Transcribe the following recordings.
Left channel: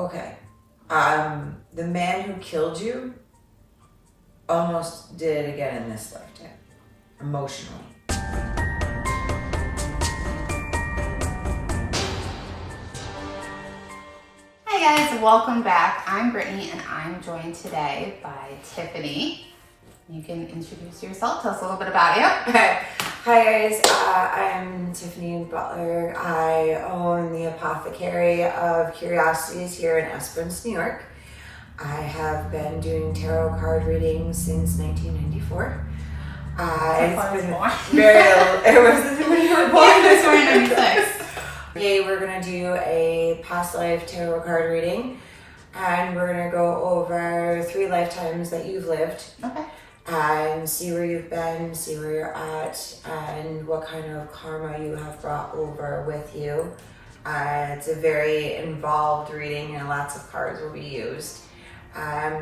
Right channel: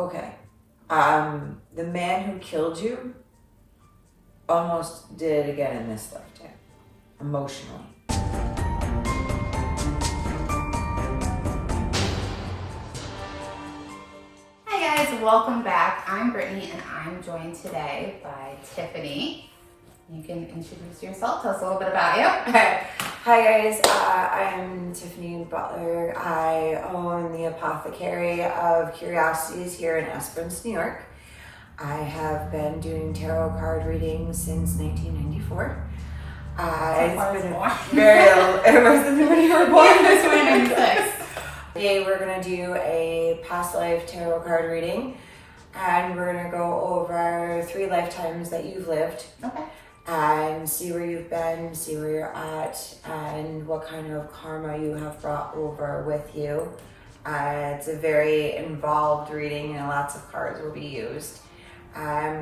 Okay. The man who killed you almost did it again in this lifetime, emotionally. Hi guys, welcome back. I'm Brittany and I'm joined today by Tiffany. You can introduce yourself, tell us a little bit about you. Hi guys, I'm Tiffany Butler. I own the Apothecary of Curiosities here in Esperance, New York. I have been doing tarot card readings since 1994. It's been it wasn't when you were born. It's 1996. Today we're gonna do a past life tarot card reading, and we're gonna go over 3 lifetimes that you've lived. Okay. And see where you've been, see where you're at, and what kind of karma you have brought over with you. It's a very involved reading and lots of cards will be used. I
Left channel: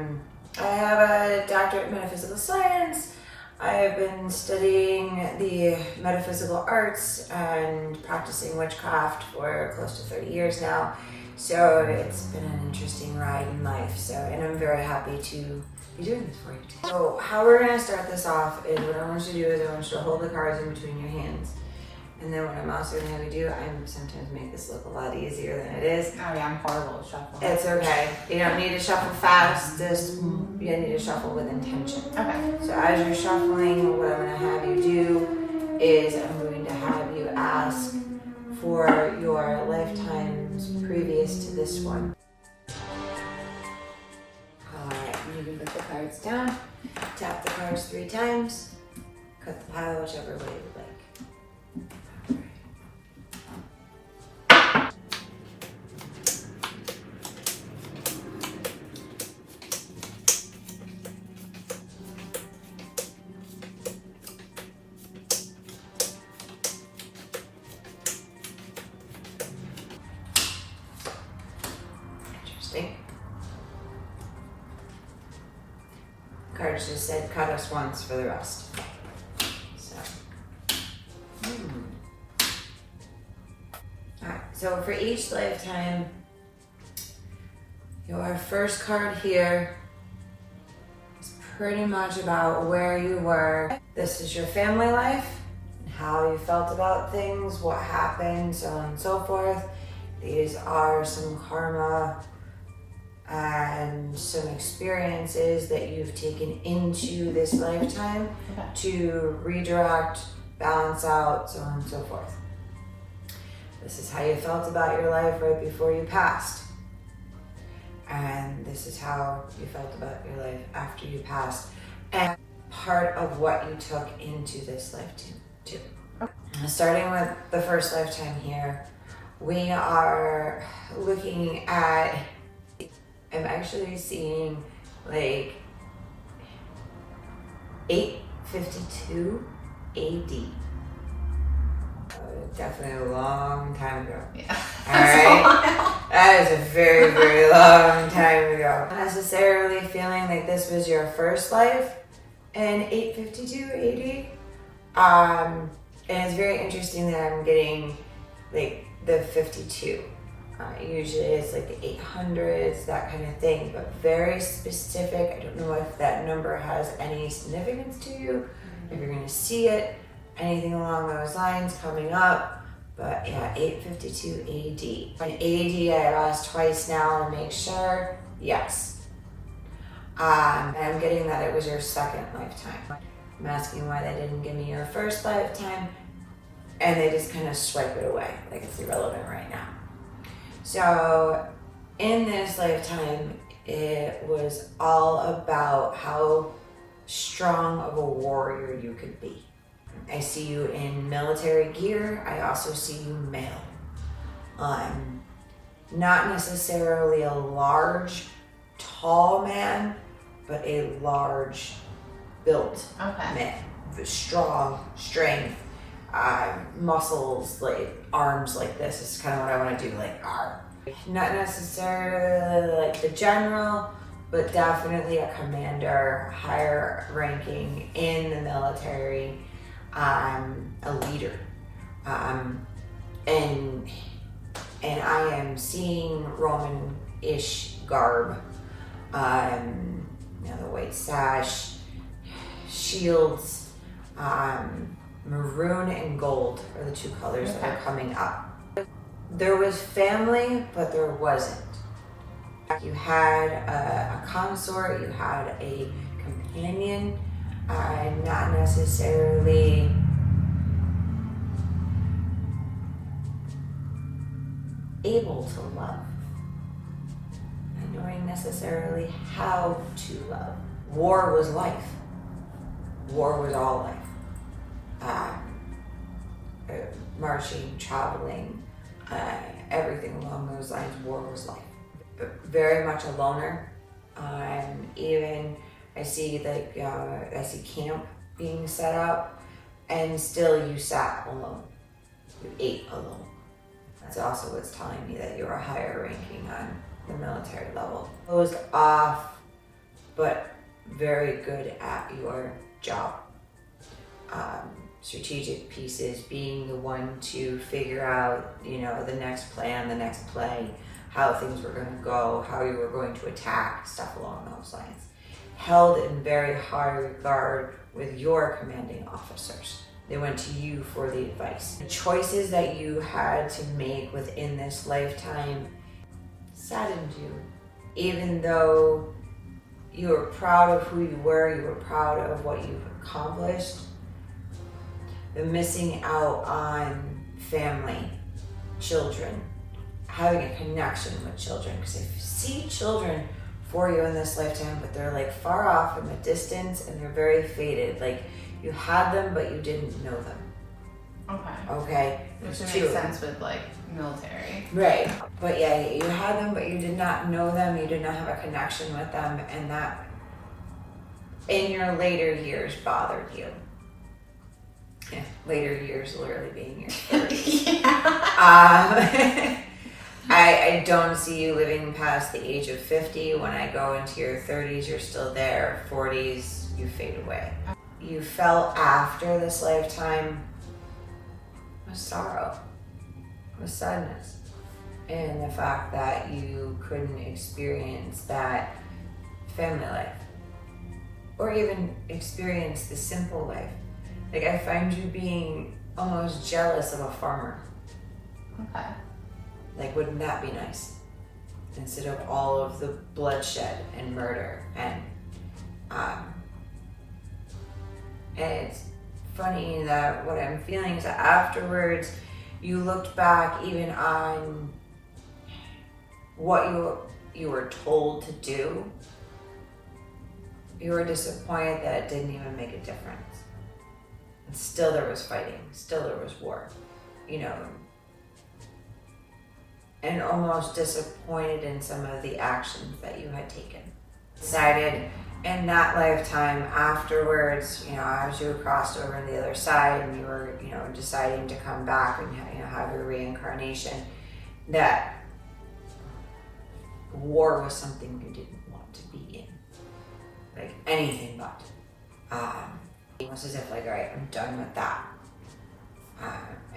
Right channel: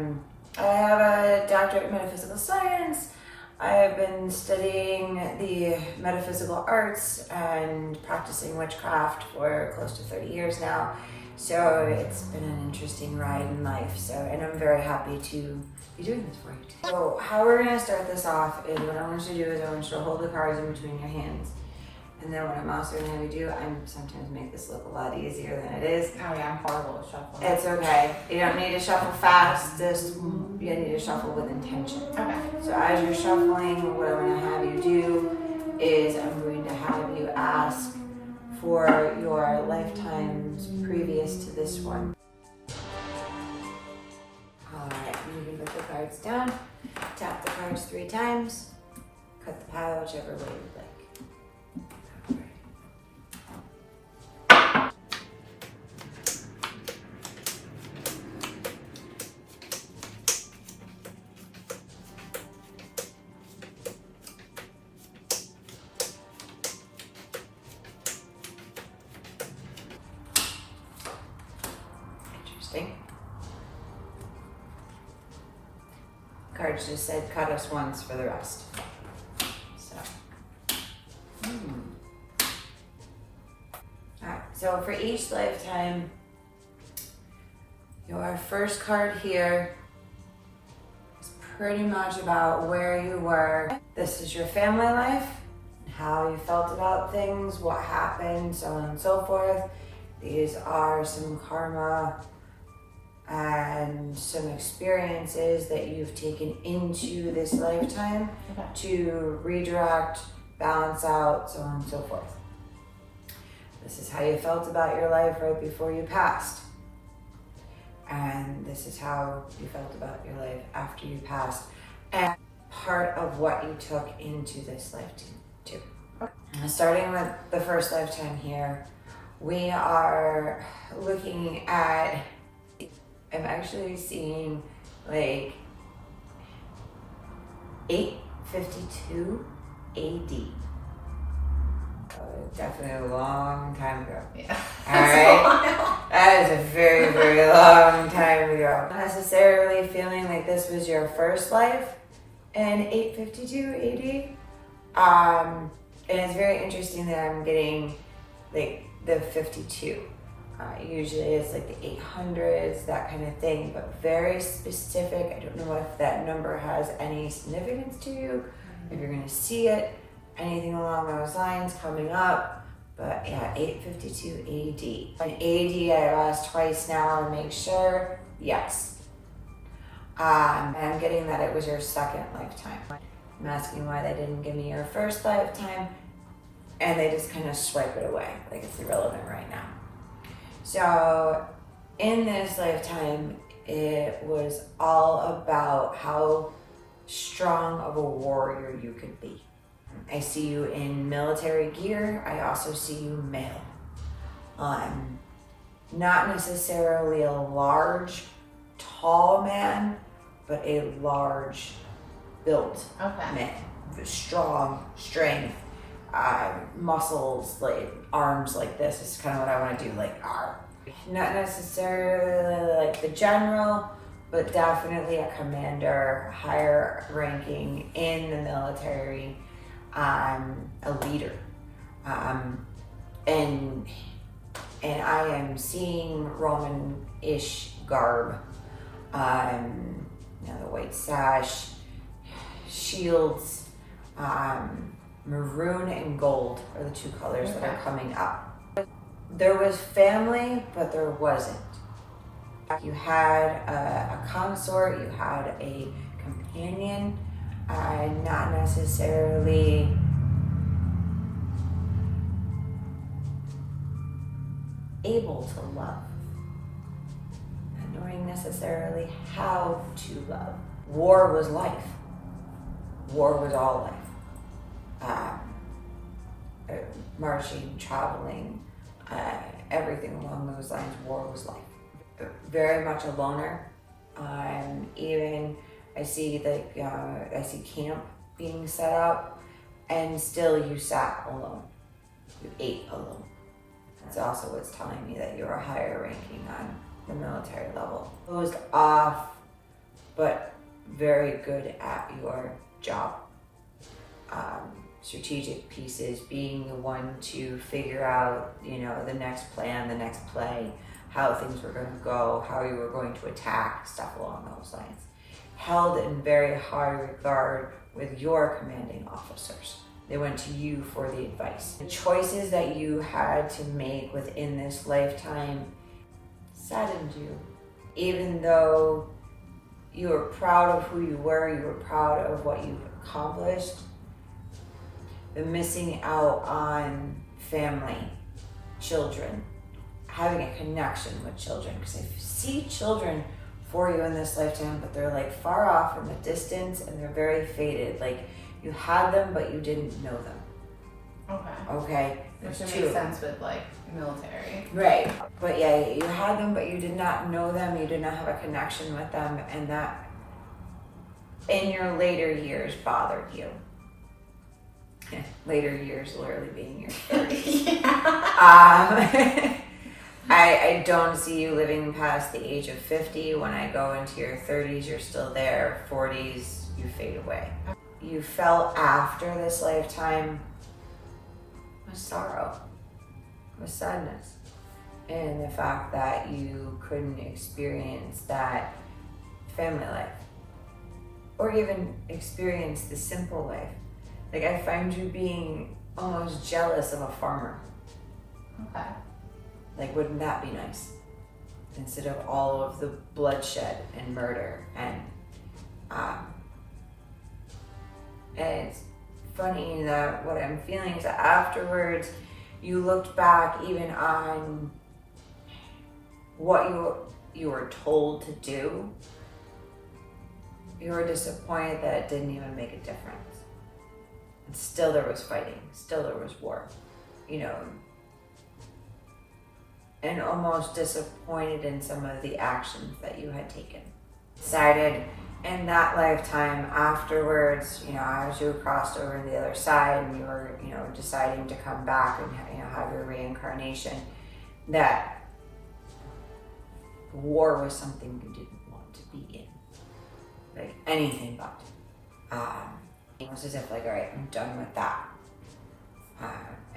have a doctorate in metaphysical science. I have been studying the metaphysical arts and practicing witchcraft for close to 30 years now. So it's been an interesting ride in life. And I'm very happy to be doing this for you too. So how we're gonna start this off is what I want you to do is I want you to hold the cards in between your hands. And then what I'm also gonna have you do, I sometimes make this look a lot easier than it is. Oh yeah, I'm horrible at shuffling. It's okay. You don't need to shuffle fast. You need to shuffle with intention. Okay. So as you're shuffling, what I'm gonna have you do is I'm going to have you ask for your lifetimes previous to this one. Alright, you can put the cards down, tap the cards 3 times, cut the pile whichever way you like. Interesting. Cards just said cut us once for the rest. So. Alright, so for each lifetime, your first card here is pretty much about where you were. This is your family life, how you felt about things, what happened, so on and so forth. These are some karma and some experiences that you've taken into this lifetime to redirect, balance out, so on and so forth. This is how you felt about your life right before you passed. And this is how you felt about your life after you passed. And part of what you took into this lifetime too. Starting with the first lifetime here, we are looking at, I'm actually seeing like 852 AD. Definitely a long time ago. Yeah. Alright? That is a very, very long time ago. Not necessarily feeling like this was your first life in 852 AD. And it's very interesting that I'm getting like the 52. Usually it's like the 800s, that kind of thing, but very specific. I don't know if that number has any significance to you, if you're gonna see it, anything along those lines coming up, but yeah, 852 AD. An AD I've asked twice now to make sure, yes. And I'm getting that it was your second lifetime. I'm asking why they didn't give me your first lifetime, and they just kind of swipe it away, like it's irrelevant right now. So in this lifetime, it was all about how strong of a warrior you could be. I see you in military gear. I also see you male. Not necessarily a large, tall man, but a large built man. Strong, strength, muscles, like arms like this is kind of what I want to do, like arm. Not necessarily like the general, but definitely a commander, higher ranking in the military, a leader. And and I am seeing Roman-ish garb. The white sash, shields, maroon and gold are the two colors that are coming up. There was family, but there wasn't. You had a consort, you had a companion, not necessarily able to love, not knowing necessarily how to love. War was life. War was all life. Marching, traveling, everything along those lines, war was life. Very much a loner. Even I see camp being set up, and still you sat alone. You ate alone. That's also what's telling me that you're a higher ranking on the military level. Closed off, but very good at your job. Strategic pieces, being the one to figure out, the next plan, the next play, how things were going to go, how you were going to attack, stuff along those lines. Held in very high regard with your commanding officers. They went to you for the advice. The choices that you had to make within this lifetime saddened you. Even though you were proud of who you were proud of what you've accomplished, the missing out on family, children, having a connection with children, because I see children for you in this lifetime, but they're like far off in the distance and they're very faded. Like you had them, but you didn't know them. Okay. Which would make sense with like military. Right. But yeah, you had them, but you did not know them. You did not have a connection with them. And that in your later years bothered you. Yeah, later years literally being your 30s. I don't see you living past the age of 50. When I go into your 30s, you're still there. 40s, you fade away. You felt after this lifetime with sorrow, with sadness, and the fact that you couldn't experience that family life or even experience the simple life. Like I find you being almost jealous of a farmer. Okay. Like, wouldn't that be nice? Instead of all of the bloodshed and murder and it's funny that what I'm feeling is that afterwards you looked back even on what you were told to do. You were disappointed that it didn't even make a difference. And still there was fighting, still there was war, and almost disappointed in some of the actions that you had taken. Decided in that lifetime afterwards, as you crossed over to the other side and you were, deciding to come back and have your reincarnation, that war was something you didn't want to be in. Like anything but. It was as if like, all right, I'm done with that.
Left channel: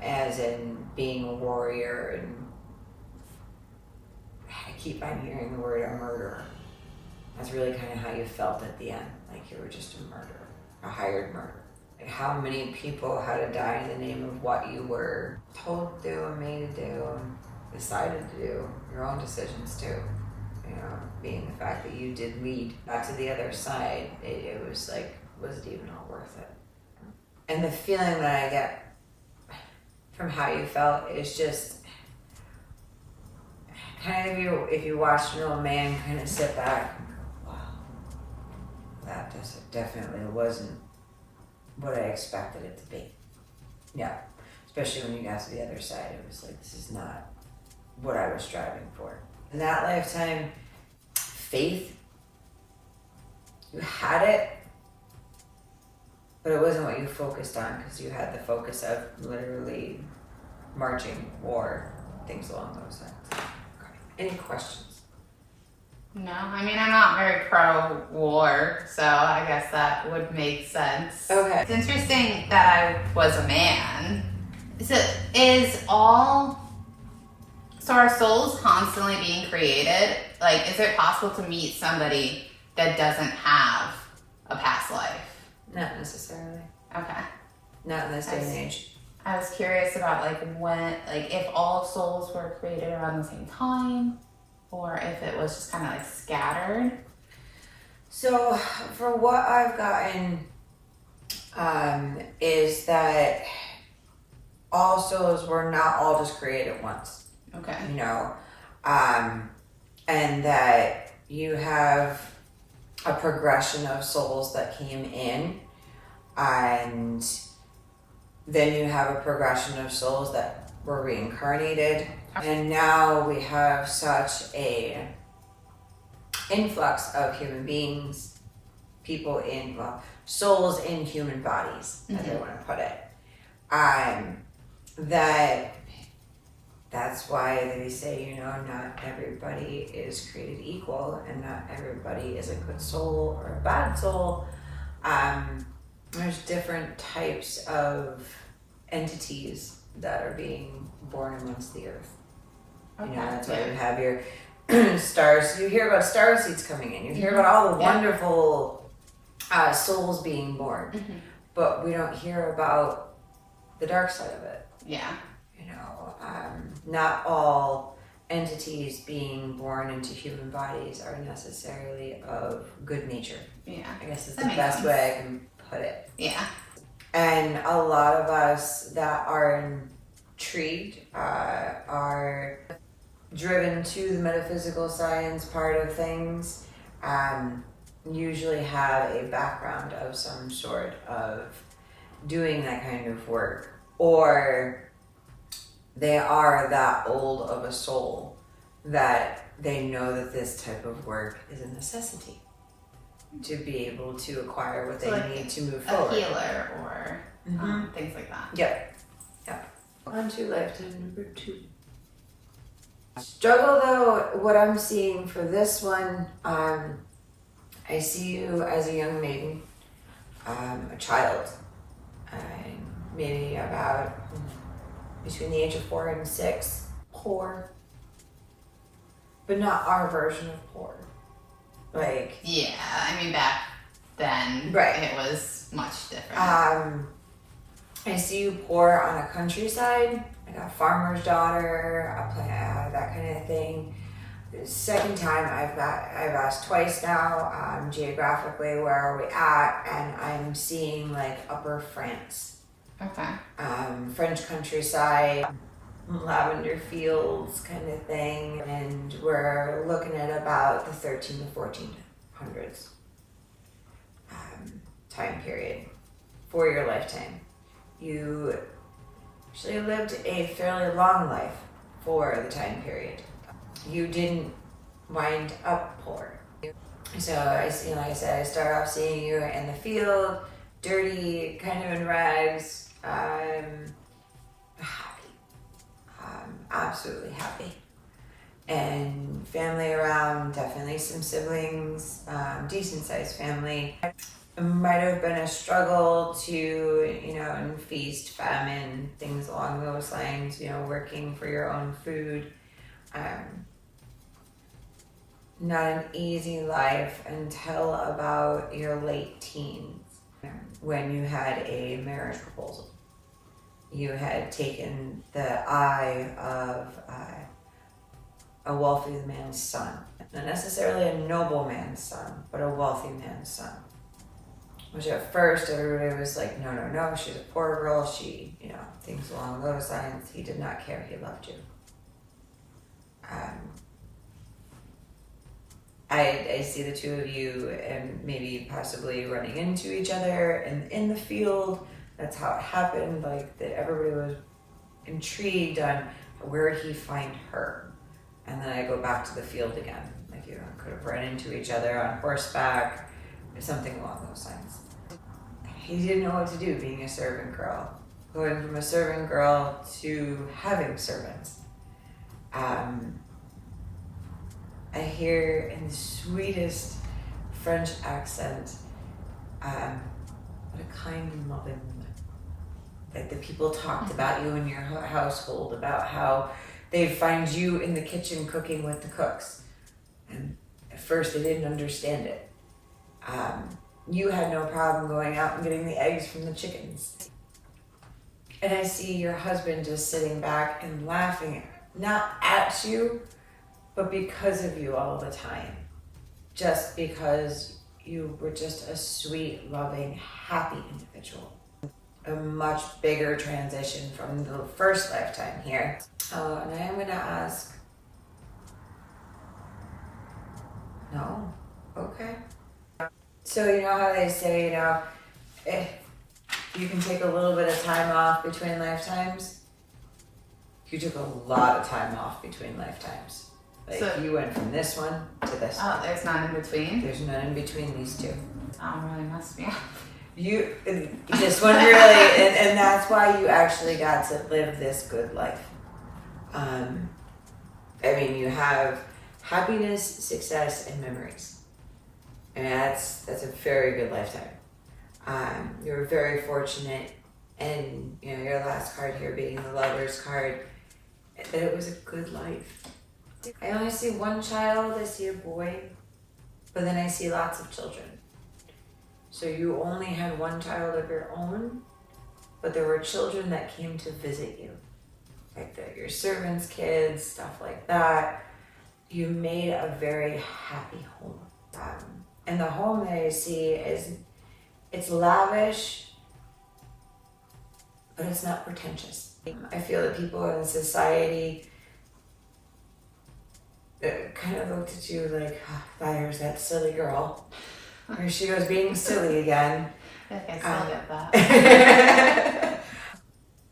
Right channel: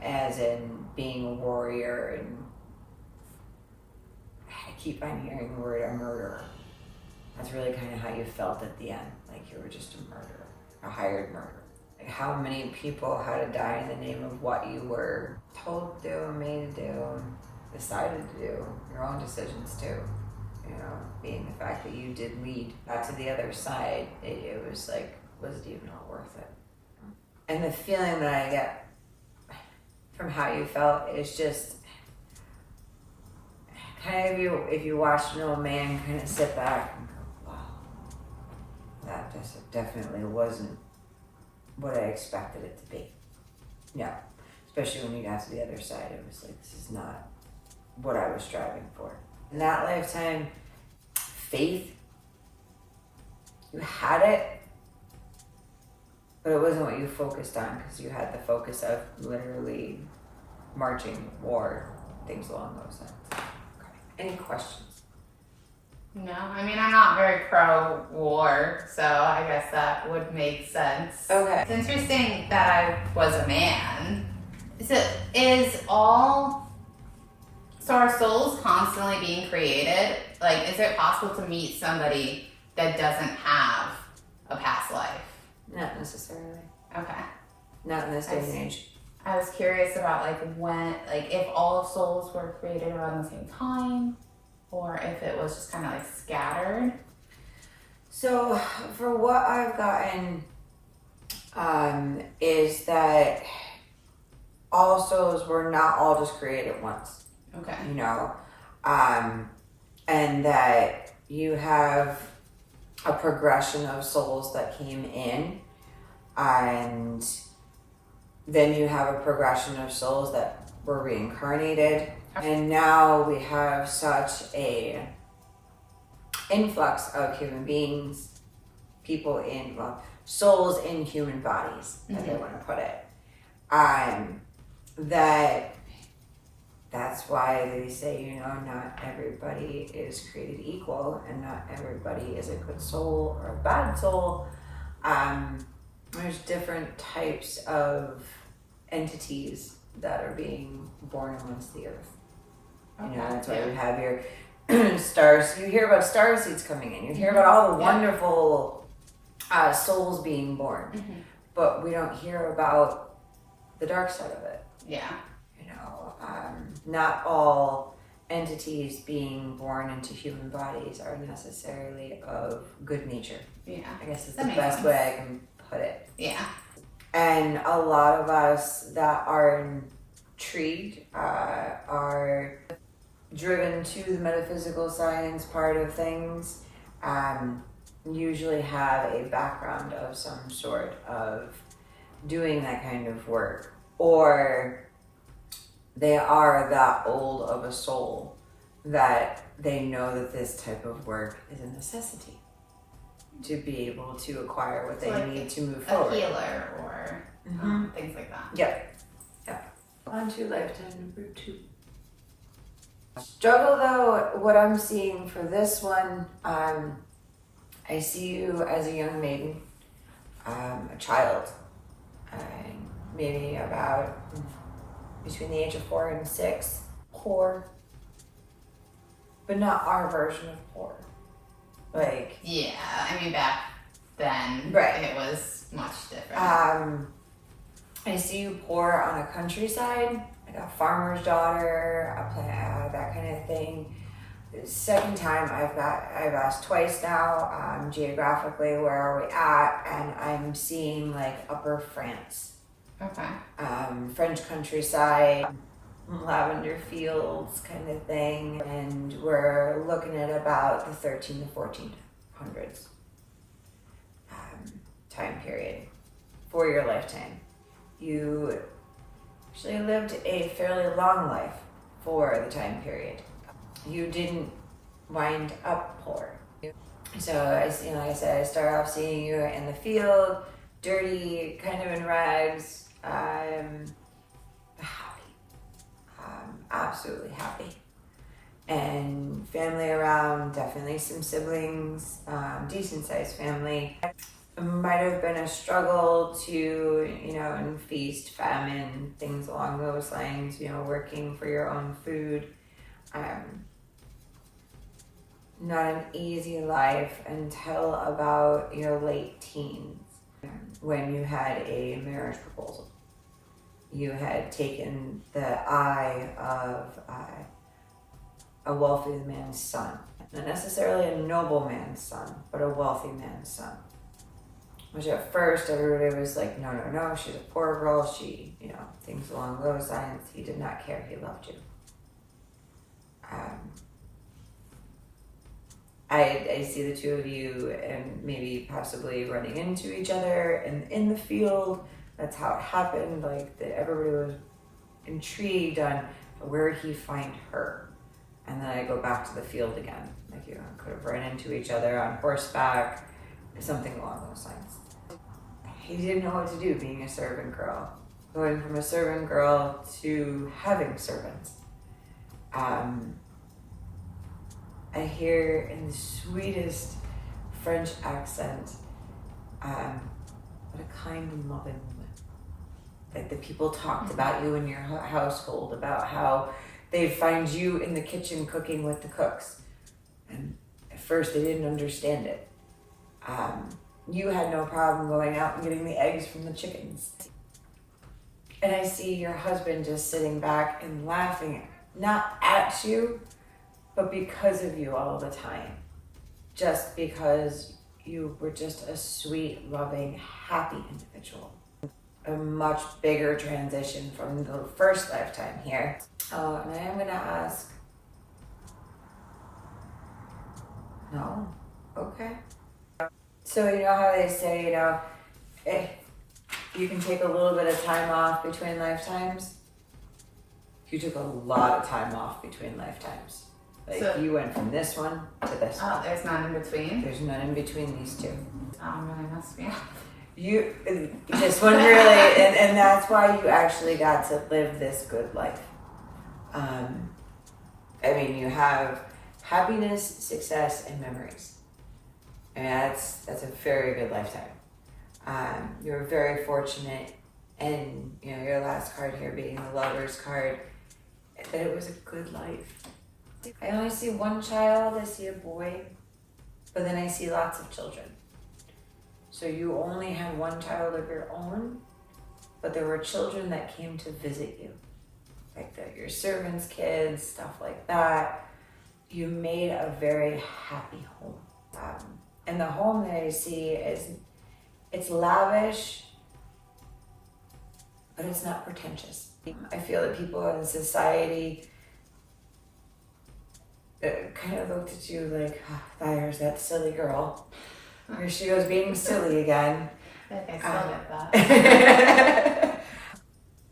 As in being a warrior, and I keep on hearing the word a murderer. That's really kind of how you felt at the end, like you were just a murderer, a hired murderer. Like how many people had to die in the name of what you were told to do and made to do and decided to do, your own decisions too. Being the fact that you did lead back to the other side, it was like, was it even all worth it? And the feeling that I get from how you felt is just kind of if you watched an old man kind of sit back and go, wow, that just definitely wasn't what I expected it to be. Yeah, especially when you got to the other side, it was like, this is not what I was striving for. In that lifetime, faith, you had it, but it wasn't what you focused on, because you had the focus of literally marching, war, things along those lines. Okay. Any questions? No, I mean, I'm not very pro-war, so I guess that would make sense. Okay. It's interesting that I was a man. So is all So are souls constantly being created? Like, is it possible to meet somebody that doesn't have a past life? Not necessarily. Okay. Not in this day and age. I was curious about if all souls were created around the same time, or if it was just kind of like scattered. So for what I've gotten, is that all souls were not all just created once. Okay. You know, and that you have a progression of souls that came in, and then you have a progression of souls that were reincarnated, and now we have such a influx of human beings, souls in human bodies, as I want to put it, that's why they say, you know, not everybody is created equal, and not everybody is a good soul or a bad soul. There's different types of entities that are being born amongst the earth. Okay. You know, that's why you have your stars. You hear about star seeds coming in. You hear about all the wonderful souls being born, but we don't hear about the dark side of it. Yeah. You know, not all entities being born into human bodies are necessarily of good nature. Yeah. I guess is the best way I can put it. Yeah. And a lot of us that are intrigued are driven to the metaphysical science part of things, usually have a background of some sort of doing that kind of work, or they are that old of a soul that they know that this type of work is a necessity to be able to acquire what they need to move forward. A healer or things like that. Yep. On to lifetime number 2. Struggle though, what I'm seeing for this one, I see you as a young maiden, a child, maybe about between the age of 4 and 6, poor, but not our version of poor. Like, yeah, I mean back then, it was much different. I see you poor on a countryside, like a farmer's daughter, that kind of thing. Second time I've asked twice now, geographically, where are we at? And I'm seeing like Upper France. Okay. French countryside, lavender fields kind of thing. And we're looking at about the 13 to 1400s time period for your lifetime. You actually lived a fairly long life for the time period. You didn't wind up poor. So like I said, I start off seeing you in the field, dirty, kind of in rags, happy, absolutely happy. And family around, definitely some siblings, decent sized family. It might have been a struggle to, in feast, famine, things along those lines, working for your own food. Not an easy life until about your late teens, when you had a marriage proposal. You had taken the eye of a wealthy man's son. Not necessarily a noble man's son, but a wealthy man's son. Which at first everybody was like, no, she's a poor girl, she, things along those lines. He did not care, he loved you. I see the two of you and maybe possibly running into each other and in the field. That's how it happened, like that everybody was intrigued on where did he find her. And then I go back to the field again. Like could have run into each other on horseback, something along those lines. He didn't know what to do being a servant girl. Going from a servant girl to having servants. I hear in the sweetest French accent, what a kind and loving woman. Like the people talked about you in your household, about how they'd find you in the kitchen cooking with the cooks. And at first they didn't understand it. You had no problem going out and getting the eggs from the chickens. And I see your husband just sitting back and laughing, not at you, but because of you all the time. Just because you were just a sweet, loving, happy individual. A much bigger transition from the first lifetime here. Oh, and I am gonna ask. No? Okay. So you know how they say, you can take a little bit of time off between lifetimes? You took a lot of time off between lifetimes. Like So- you went from this one to this one. Oh, there's none in between? There's none in between these two. Really messed me up. This one really, and that's why you actually got to live this good life. I mean, you have happiness, success, and memories. And that's a very good lifetime. You're very fortunate, and your last card here being the Lover's card, that it was a good life. I only see one child, I see a boy, but then I see lots of children. So you only had one child of your own, but there were children that came to visit you. Like your servants' kids, stuff like that. You made a very happy home. And the home that I see it's lavish, but it's not pretentious. I feel that people in society kind of looked at you like, there's that silly girl. Here she goes being silly again. I feel like I still get that.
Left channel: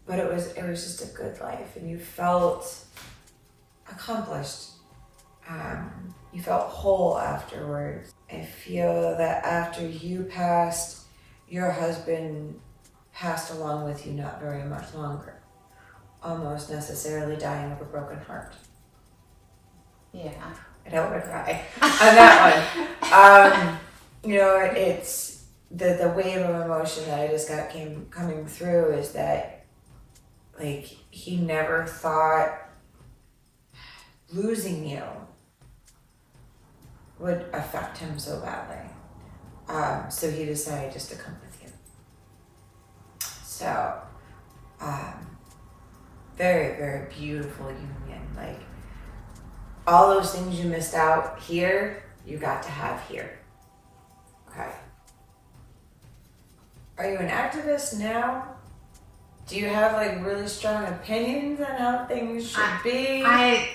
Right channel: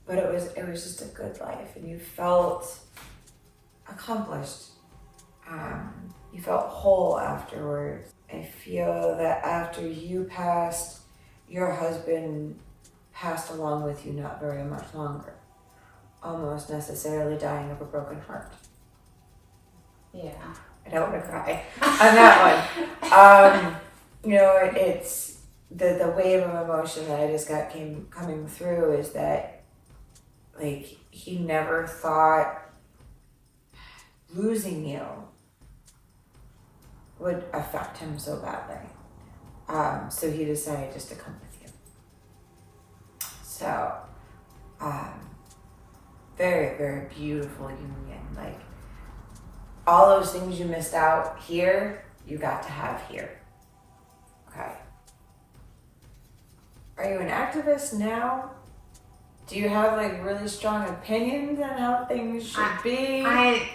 But it was just a good life, and you felt accomplished. You felt whole afterwards. I feel that after you passed, your husband passed along with you not very much longer, almost necessarily dying of a broken heart. Yeah. I don't want to cry on that one. It's the wave of emotion that I just got coming through is that, like, he never thought losing you would affect him so badly. So he decided just to come with you. So, very, very beautiful union. Like, all those things you missed out here, you got to have here. Okay. Are you an activist now? Do you have like really strong opinions on how things should be? I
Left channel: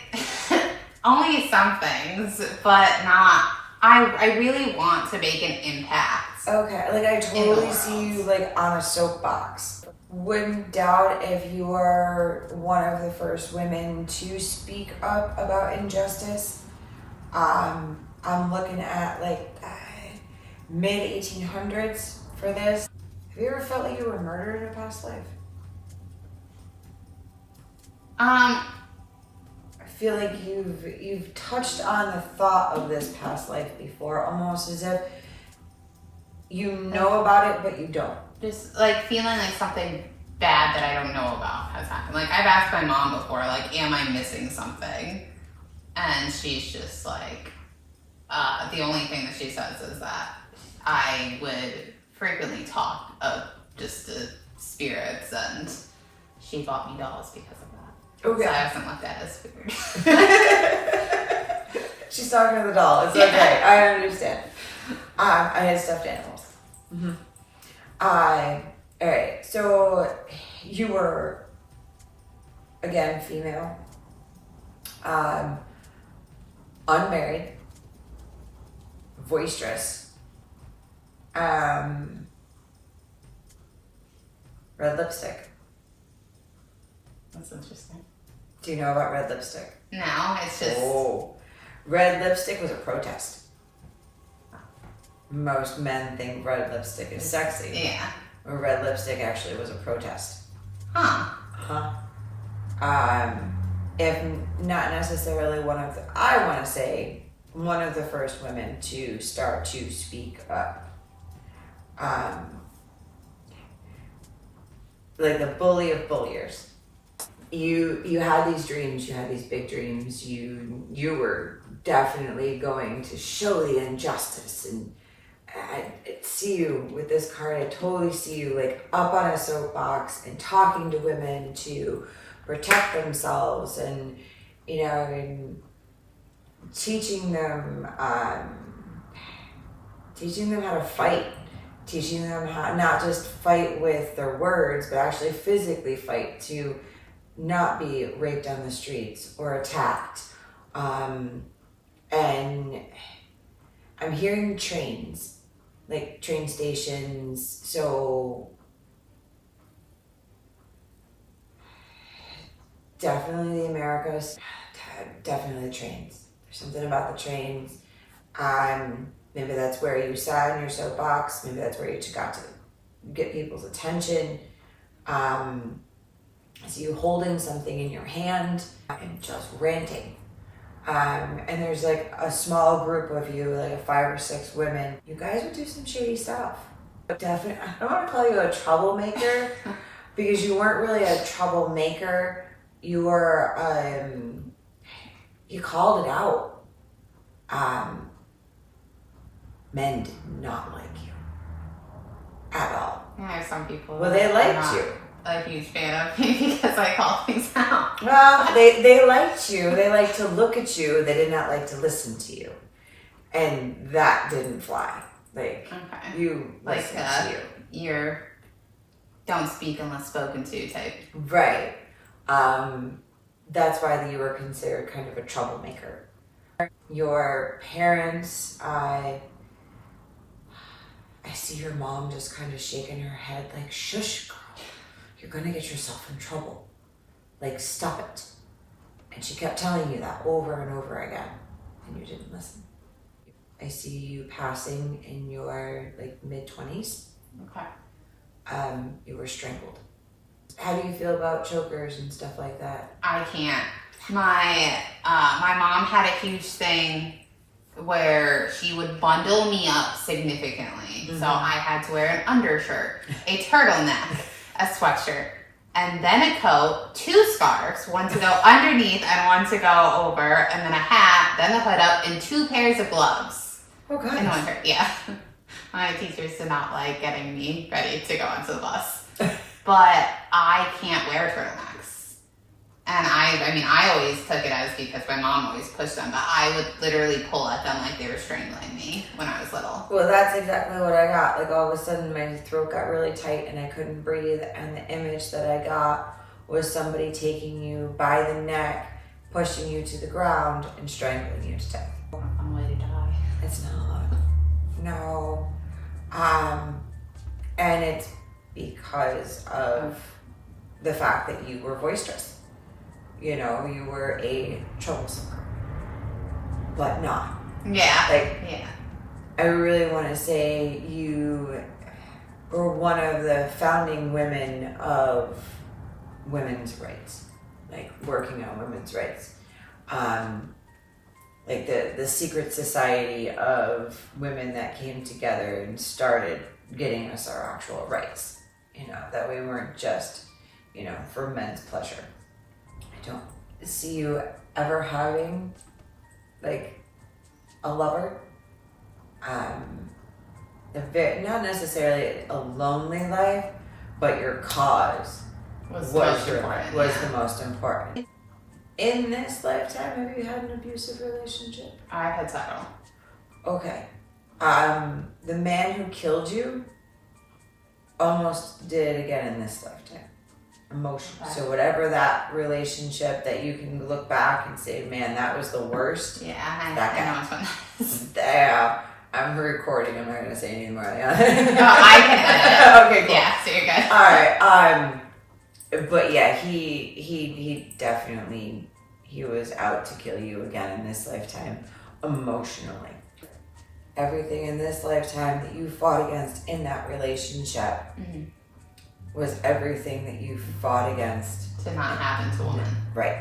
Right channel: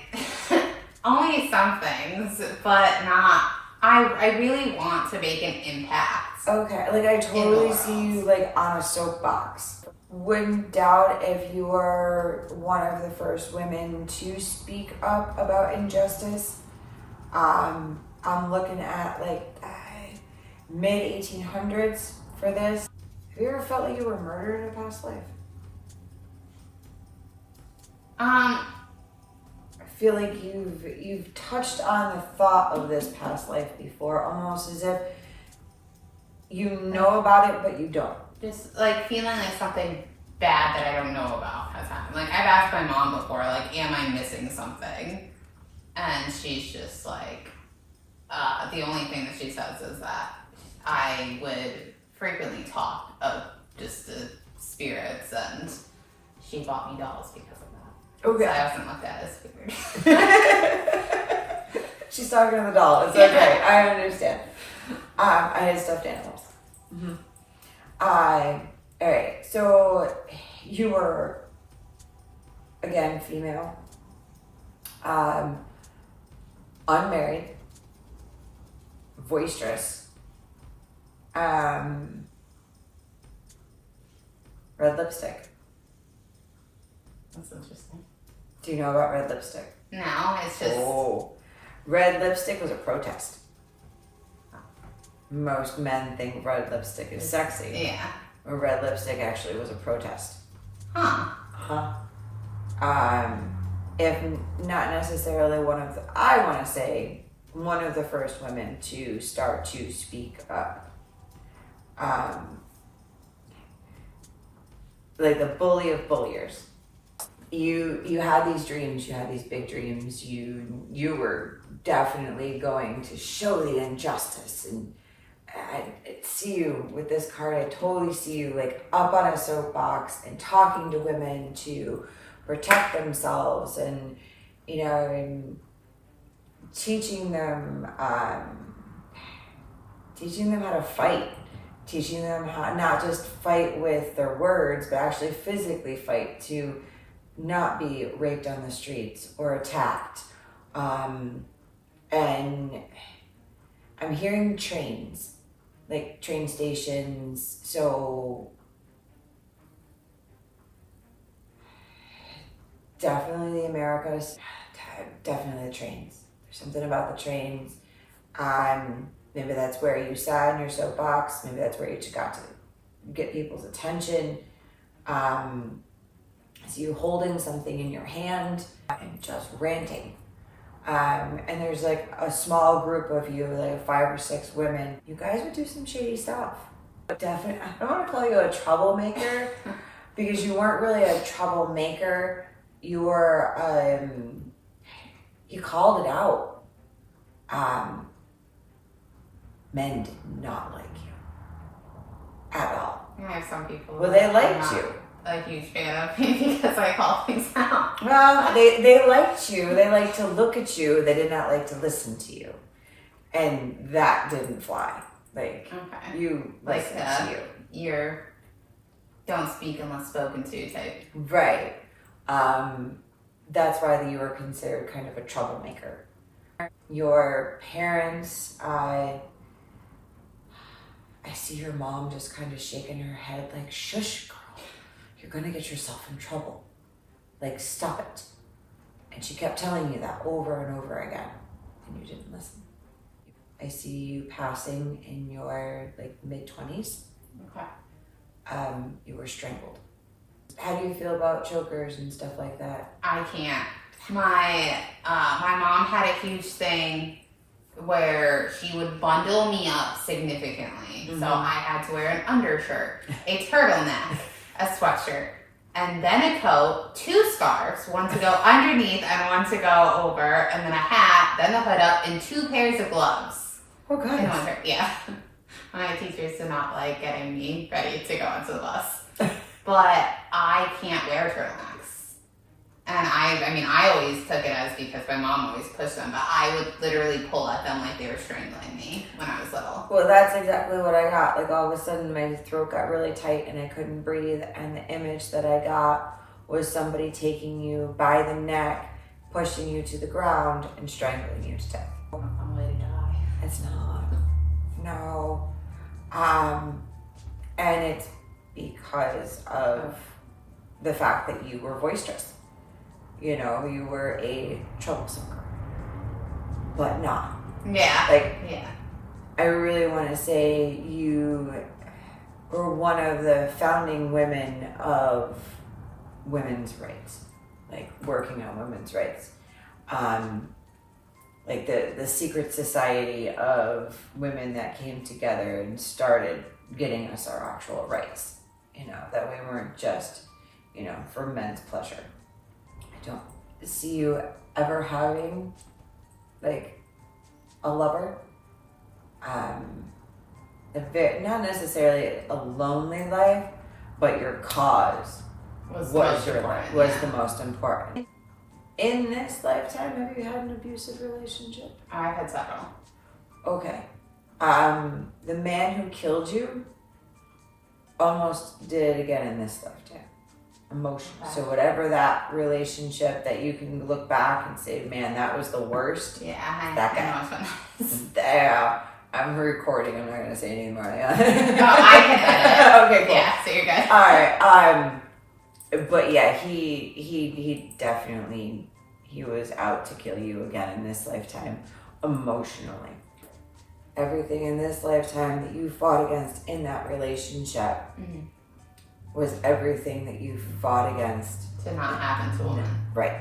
only some things, but not. I really want to make an impact. Okay, like I totally see you like on a soapbox. Wouldn't doubt if you are one of the first women to speak up about injustice. I'm looking at like mid 1800s for this. Have you ever felt like you were murdered in a past life? I feel like you've touched on the thought of this past life before, almost as if you know about it, but you don't. Just like feeling like something bad that I don't know about has happened. Like I've asked my mom before, like, am I missing something? And she's just like, the only thing that she says is that I would frequently talk of just the spirits, and she bought me dolls because of that. Okay. So I often looked at it as weird. She's talking to the doll. It's okay. I understand. I had stuffed animals. Mm-hmm. All right. So you were, again, female, unmarried, boisterous, red lipstick. That's interesting. Do you know about red lipstick? No, it's just. Oh, red lipstick was a protest. Most men think red lipstick is sexy. Yeah. But red lipstick actually was a protest. Huh. If not necessarily I want to say one of the first women to start to speak up. Like the bully of bulliers. you had these dreams, you had these big dreams. You were definitely going to show the injustice, and I see you with this card. I totally see you like up on a soapbox and talking to women to protect themselves, and and teaching them how to fight, teaching them how not just fight with their words, but actually physically fight to not be raped on the streets or attacked. And I'm hearing trains, like train stations. So definitely the Americas, definitely the trains. There's something about the trains. Maybe that's where you sat in your soapbox. Maybe that's where you got to get people's attention. So you holding something in your hand and just ranting. And there's like a small group of you, like 5 or 6 women. You guys would do some shady stuff. Definitely, I don't want to call you a troublemaker because you weren't really a troublemaker. You were, you called it out. Men did not like you at all. There's some people. Well, they liked you. A huge fan of me because I call things out. Well, they liked you. They liked to look at you. They did not like to listen to you, and that didn't fly. Like you listen to you. You're don't speak unless spoken to type. Right. That's why you were considered kind of a troublemaker. Your parents, I see your mom just kind of shaking her head like, shush, girl. You're going to get yourself in trouble. Like, stop it. And she kept telling you that over and over again. And you didn't listen. I see you passing in your, like, mid-20s. Okay. You were strangled. How do you feel about chokers and stuff like that? I can't. My mom had a huge thing where she would bundle me up significantly. Mm-hmm. So I had to wear an undershirt, a turtleneck, a sweatshirt, and then a coat, 2 scarves, one to go underneath and one to go over, and then a hat, then the hood up, and 2 pairs of gloves. Oh, God. In the winter, yeah. My teachers did not like getting me ready to go onto the bus. But I can't wear turtlenecks. And I always took it as because my mom always pushed them, but I would literally pull at them like they were strangling me when I was little. Well, that's exactly what I got. Like, all of a sudden, my throat got really tight and I couldn't breathe. And the image that I got was somebody taking you by the neck, pushing you to the ground, and strangling you to death. I'm a way to die. It's not. No. And it's because of the fact that you were boisterous. You know, you were a troublesome girl. But not. Yeah. Like, yeah. I really want to say you were one of the founding women of women's rights, like working on women's rights. Like the secret society of women that came together and started getting us our actual rights, that we weren't just, for men's pleasure. I don't see you ever having like a lover. Not necessarily a lonely life, but your cause was the most important. In this lifetime, have you had an abusive relationship? I've had several. Okay. The man who killed you almost did it again in this lifetime. Emotion. Okay. So whatever that relationship that you can look back and say, man, that was the worst. Yeah, I know which one. Yeah. I'm recording. I'm not going to say any more. No, I can edit. Okay, cool. Yeah, so you're good. All right. But yeah, he definitely, he was out to kill you again in this lifetime, emotionally. Everything in this lifetime that you fought against in that relationship was everything that you fought against to not happen to a woman. Right.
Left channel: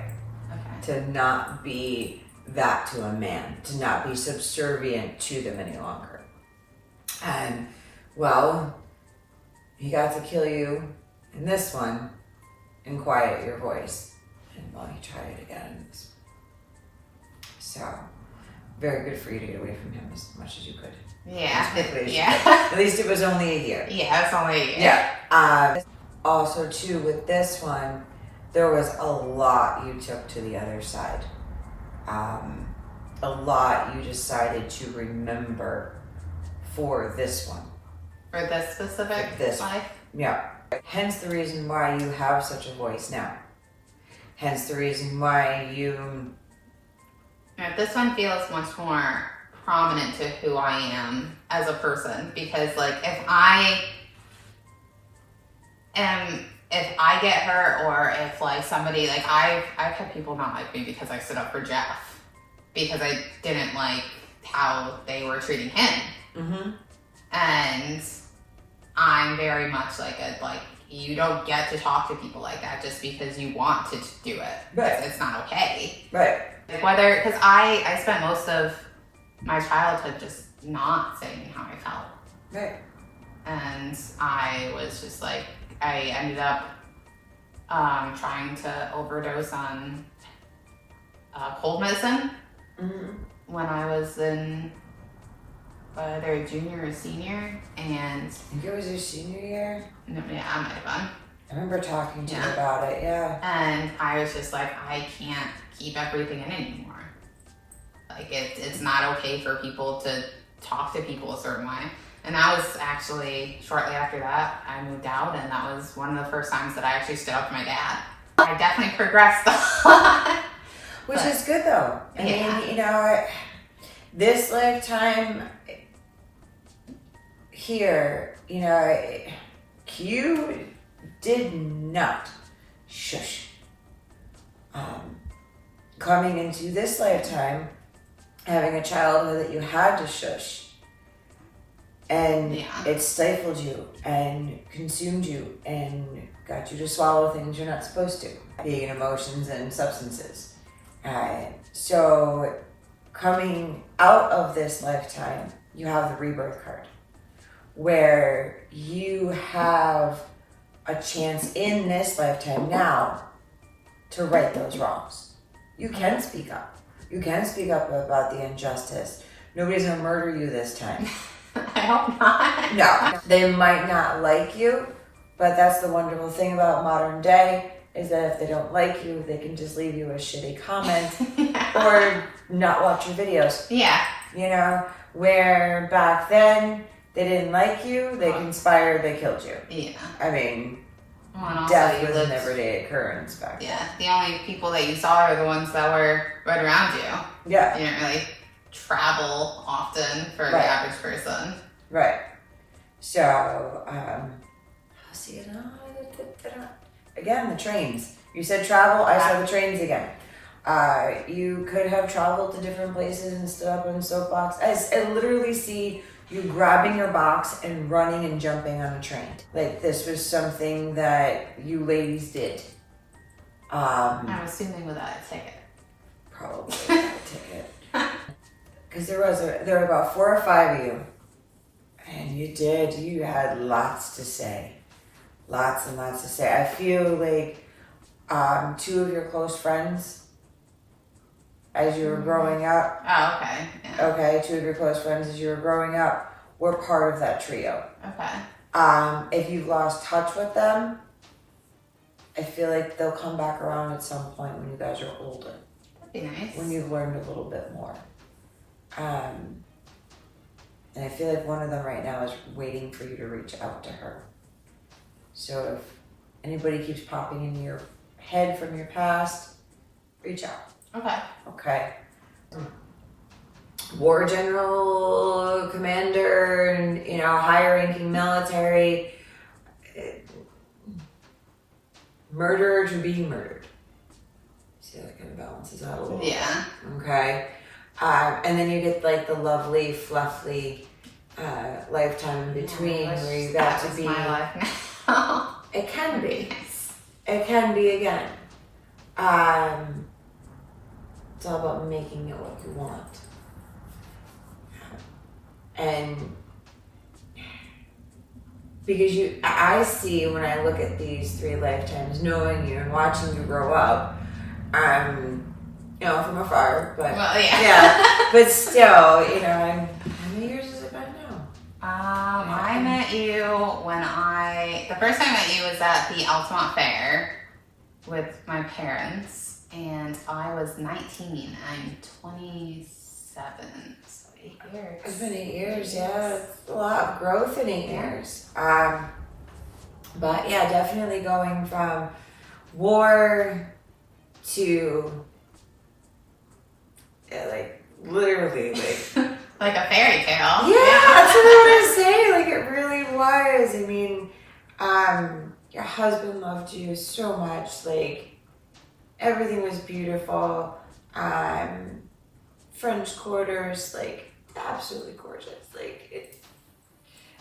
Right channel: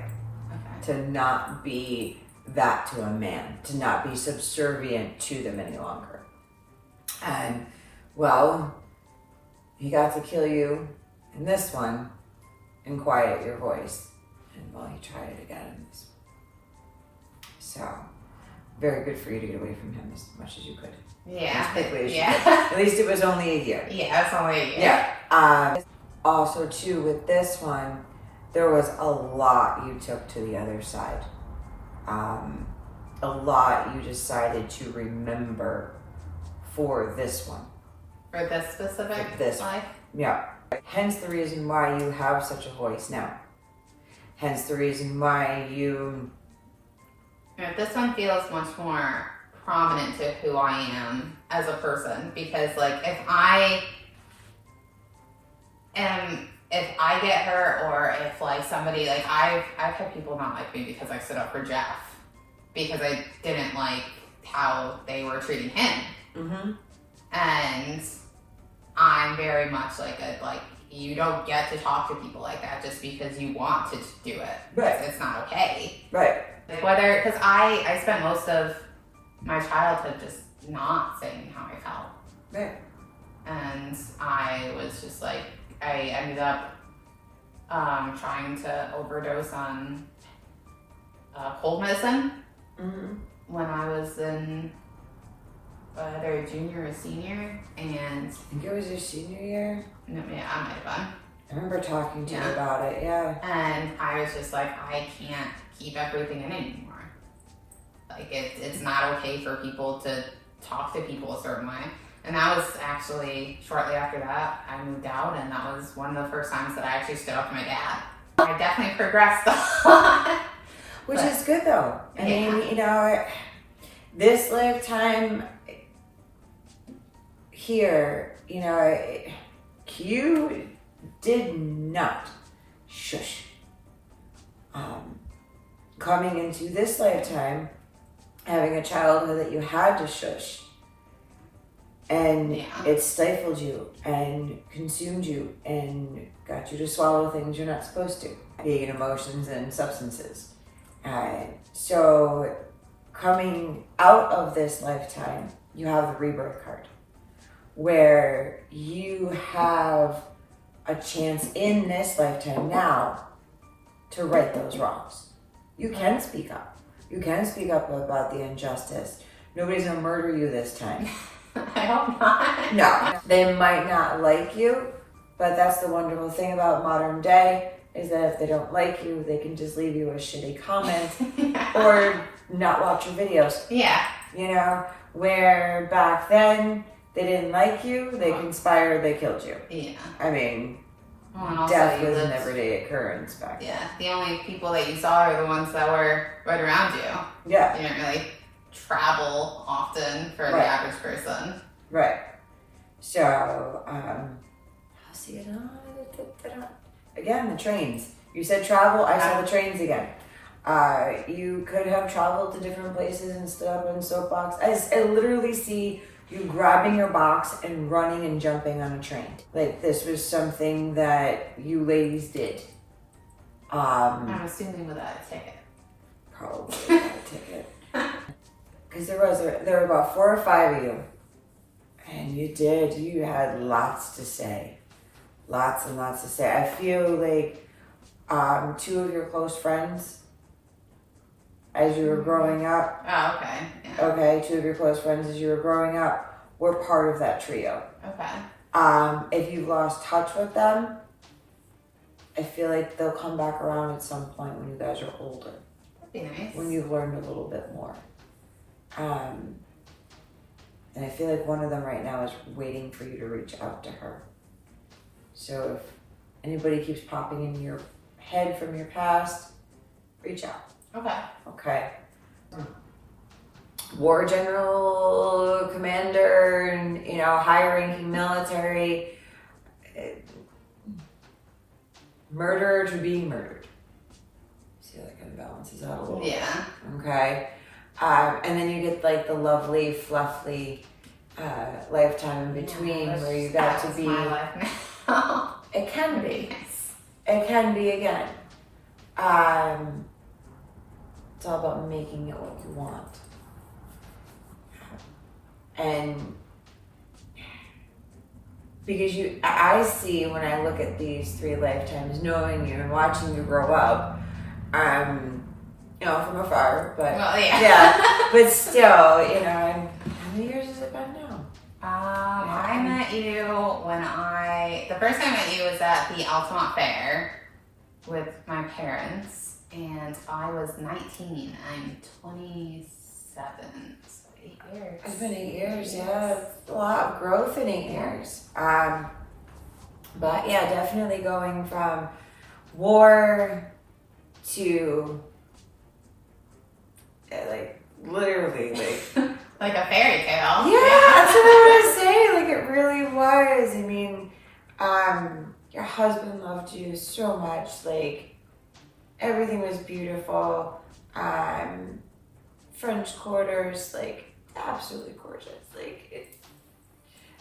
Okay. To not be that to a man, to not be subservient to them any longer. And well, he got to kill you in this one and quiet your voice. And well, he tried it again. So, very good for you to get away from him as much as you could. Yeah. As quickly as you Yeah. could. At least it was only a year. Yeah, it's only a year. Yeah. Also, too, with this one, there was a lot you took to the other side. A lot you decided to remember for this one. For this specific For this life? Yeah. Hence the reason why you have such a voice now. Hence the reason why you... Yeah, this one feels much more prominent to who I am as a person, because like if I get hurt, or if like somebody, like I've had people not like me because I stood up for Jeff because I didn't like how they were treating him. Mm-hmm. And I'm very much like you don't get to talk to people like that just because you want to do it. Right. It's not okay. Right. Whether, because I spent most of my childhood just not saying how I felt. Right. And I was just like, I ended up trying to overdose on cold medicine when I was in either a junior or senior. And I think it was your senior year. yeah, I might have been. I remember talking to you about it, yeah. And I was just like, I can't keep everything in anymore. Like, it's not okay for people to talk to people a certain way. And that was actually shortly after that, I moved out, and that was one of the first times that I actually stood up to my dad. I definitely progressed a lot. Which is good, though. I mean, you know, this lifetime here, you know, you did not shush. Coming into this lifetime, having a childhood that you had to shush, and it stifled you and consumed you and got you to swallow things you're not supposed to, being emotions and substances. So coming out of this lifetime, you have the rebirth card, where you have a chance in this lifetime now to right those wrongs. You can speak up. You can speak up about the injustice. Nobody's gonna murder you this time. I hope not. No, they might not like you, but that's the wonderful thing about modern day, is that if they don't like you, they can just leave you a shitty comment or not watch your videos. Yeah. You know, where back then they didn't like you, they conspired, they killed you. Yeah. I mean, Well, death was an everyday occurrence back then. Yeah, the only people that you saw are the ones that were right around you. Yeah. You didn't really travel often for the average person. Right. So, again, the trains. You said travel, I saw the trains again. You could have traveled to different places and stood up on soapbox. I literally see you grabbing your box and running and jumping on a train. Like, this was something that you ladies did. I'm assuming without a ticket. Probably without a ticket. Because there were about 4 or 5 of you. And you had lots to say. Lots and lots to say. I feel like 2 of your close friends, as you were growing up. Oh, okay. Yeah. Okay, 2 of your close friends as you were growing up were part of that trio. Okay. If you lost touch with them, I feel like they'll come back around at some point when you guys are older. That'd be nice. When you've learned a little bit more. And I feel like one of them right now is waiting for you to reach out to her. So if anybody keeps popping in your head from your past, reach out. Okay. Okay. War general, commander, and, you know, high-ranking military, murderer to being murdered. See how that kind of balances out a little bit. Yeah. Okay. And then you get like the lovely, fluffy lifetime in between where you got to be. My life now. It can be. It can be again. It's all about making it what you want. And because I see when I look at these 3 lifetimes, knowing you and watching you grow up, From afar, but Well, yeah. yeah, but still, how many years has it been now? I met you the first time I met you was at the Altamont Fair with my parents, and I was 19. I'm 27, so 8 years. It's been 8 years, yeah. It's a lot of growth in 8 years. But yeah, definitely going from war to literally Like a fairy tale. yeah, that's what I want to say. Like it really was. I mean, your husband loved you so much. Like everything was beautiful. French quarters, like absolutely gorgeous. Like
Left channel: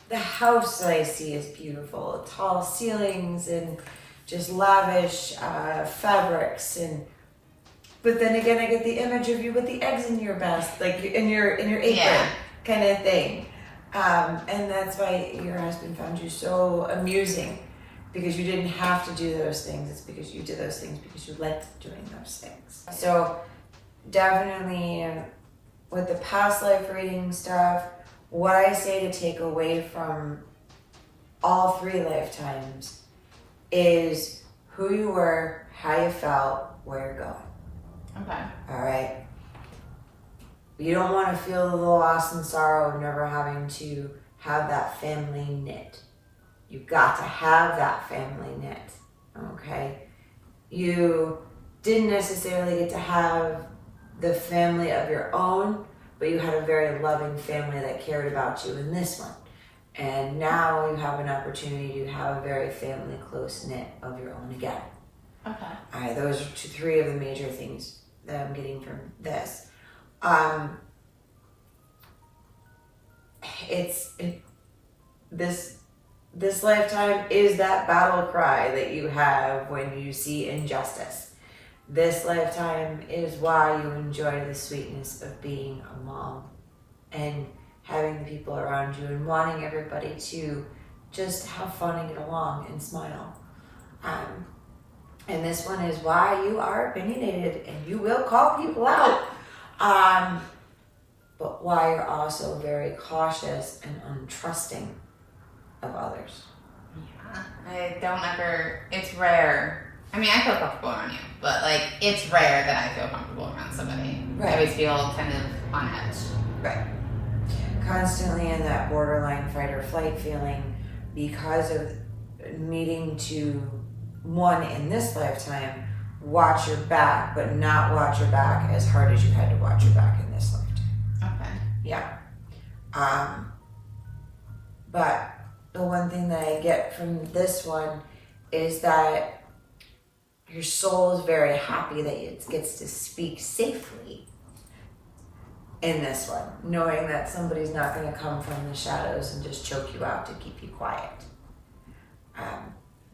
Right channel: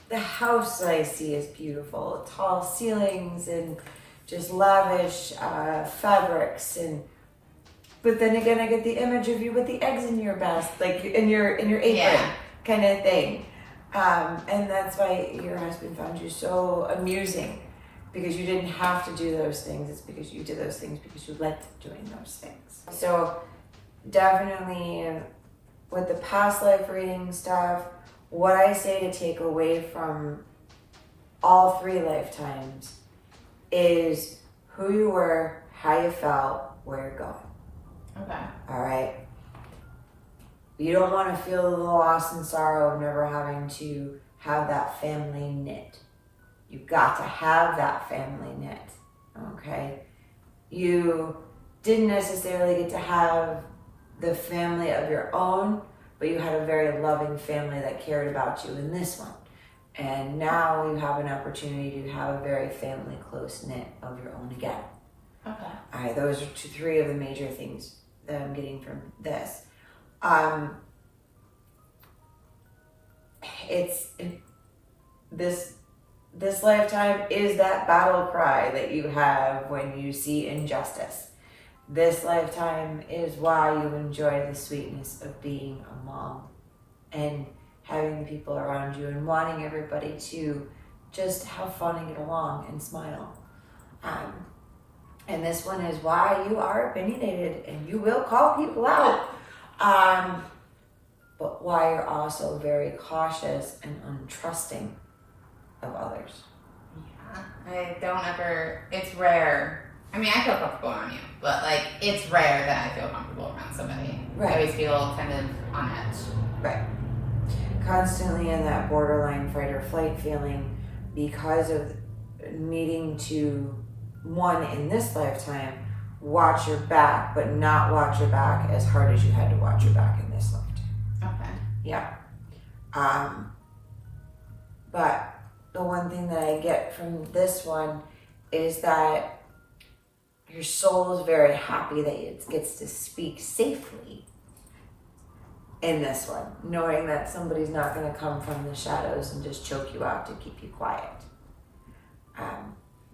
the house that I see is beautiful. Tall ceilings and just lavish fabrics but then again, I get the image of you with the eggs in your basket, like in your apron, kind of thing. And that's why your husband found you so amusing, because you didn't have to do those things. It's because you did those things because you liked doing those things. So definitely with the past life reading stuff, what I say to take away from all 3 lifetimes is who you were, how you felt, where you're going. Okay. All right. You don't want to feel the loss and sorrow of never having to have that family knit. You got to have that family knit. Okay. You didn't necessarily get to have the family of your own, but you had a very loving family that cared about you in this one. And now you have an opportunity to have a very family close knit of your own again. Okay. All right, those are 3 of the major things that I'm getting from this. This lifetime is that battle cry that you have when you see injustice. This lifetime is why you enjoy the sweetness of being a mom and having people around you and wanting everybody to just have fun and get along and smile. And this one is why you are opinionated and you will call people out. But why you're also very cautious and untrusting of others. Yeah, it's rare. I mean, I feel comfortable around you, but it's rare that I feel comfortable around somebody. Right. I always feel kind of on edge. Right. Constantly in that borderline fight or flight feeling because of needing to, one, in this lifetime, watch your back, but not watch your back as hard as you had to watch your back in this lifetime. Okay. Yeah. But the one thing that I get from this one is that your soul is very happy that it gets to speak safely in this one, knowing that somebody's not going to come from the shadows and just choke you out to keep you quiet.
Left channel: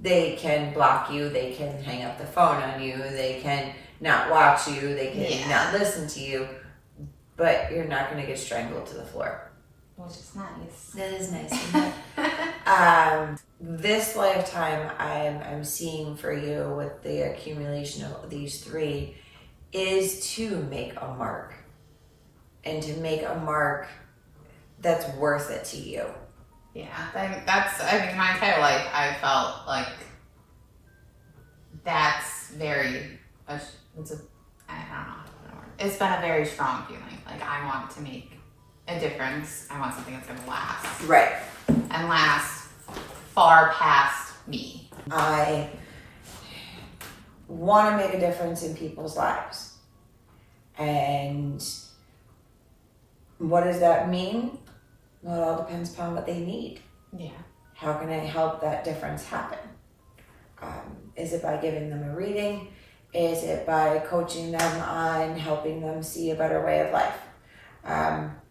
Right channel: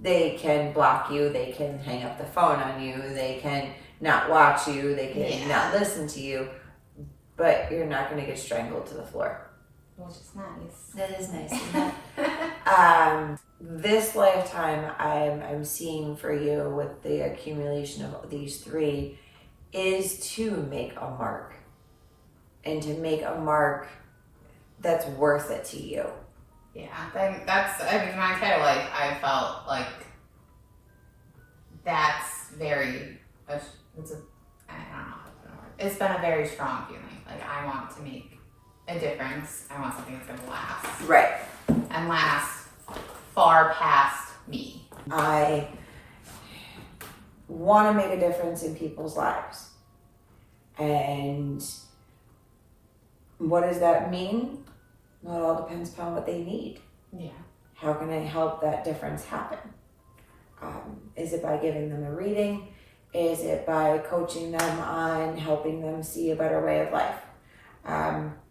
They can block you, they can hang up the phone on you, they can not watch you, they can not listen to you, but you're not going to get strangled to the floor. Which is nice. That is nice, isn't it? This lifetime I'm seeing for you with the accumulation of these 3 is to make a mark. And to make a mark that's worth it to you. Yeah, my entire life I felt like that's very, I don't know how to word. It's been a very strong feeling. Like I want to make a difference. I want something that's going to last. Right. And last far past me. I want to make a difference in people's lives. And what does that mean? Well, it all depends upon what they need. Yeah. How can I help that difference happen? Is it by giving them a reading? Is it by coaching them on helping them see a better way of life?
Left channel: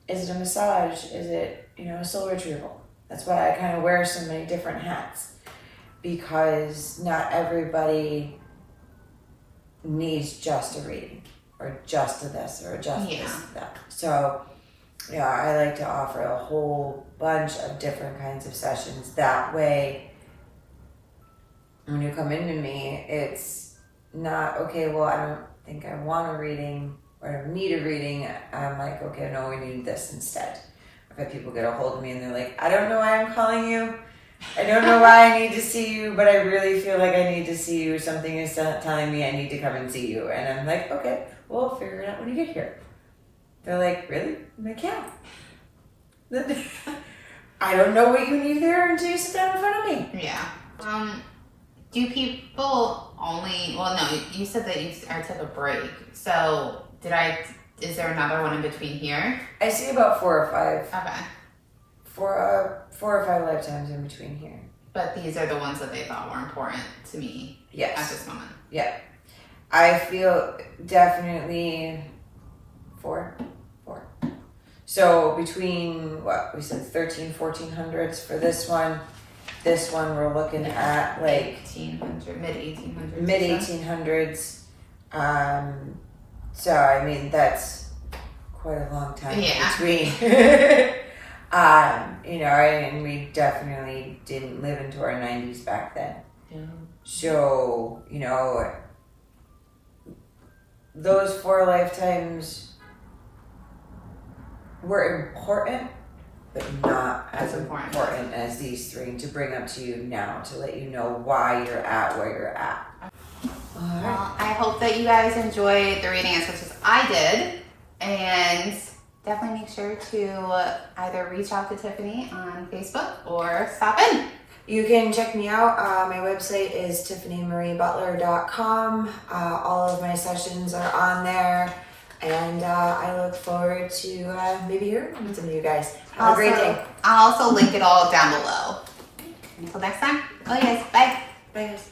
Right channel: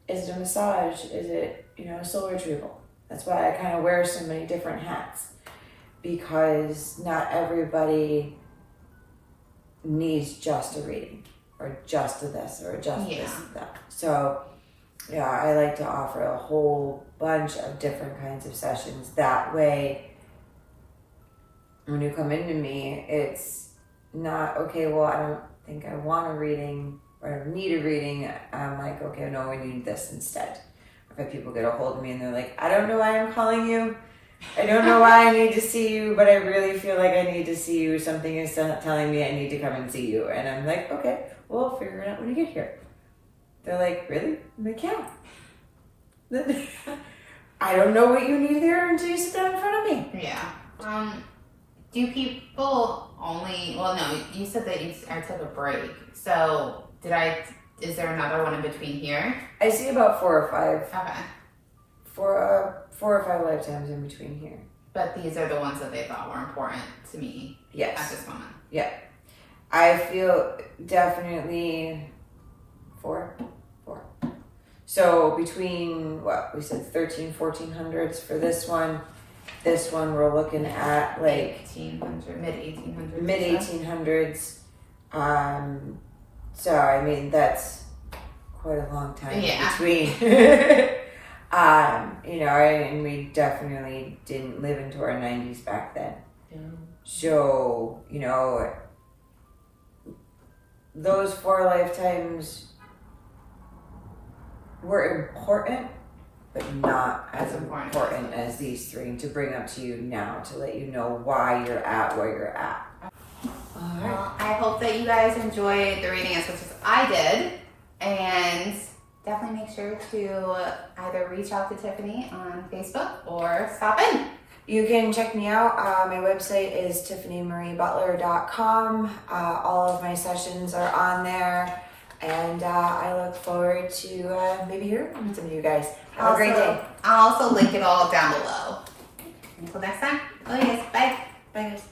Is it a massage? Is it, a soul retrieval? That's why I kind of wear so many different hats, because not everybody needs just a reading or just a this or just this or that. So, I like to offer a whole bunch of different kinds of sessions. That way, when you come into me, it's not, okay, well, think I want a reading or I need a reading, I'm like, okay, no, we need this instead. I've had people get a hold of me and they're like, I don't know why I'm calling you. I don't know why I need to see you, but I really feel like I need to see you. Something is telling me I need to come and see you. And I'm like, okay, we'll figure it out when you get here. They're like, really? I'm like, yeah. I don't know what you need there until you sit down in front of me. Yeah. Do people only, well, no, you said that I took a break. So is there another one in between here? I see about 4 or 5. Okay. 4 or 5 lifetimes in between here. But these are the ones that they thought were important to me at Yes. this moment. Yeah. I feel definitely 4. So between what we said 1400s for this one we're looking at like 1800, mid 1800s. mid 1800s. So I mean that's quite a long time Yeah. between. You know, and we definitely didn't live into our 90s back then. Yeah. So, you know, those 4 lifetimes were important, but not as important as these 3 to bring up to you now to let you know why you're at where you're at. All right. Well, I hope that you guys enjoyed the reading as much as I did. And definitely make sure to either reach out to Tiffany on Facebook or stop in. You can check me out. My website is TiffanyMarieButler.com. All of my sessions are on there. And I look forward to maybe hearing from some of you guys. Have a great day. I'll also link it all down below. Until next time. Oh yes, bye. Bye guys.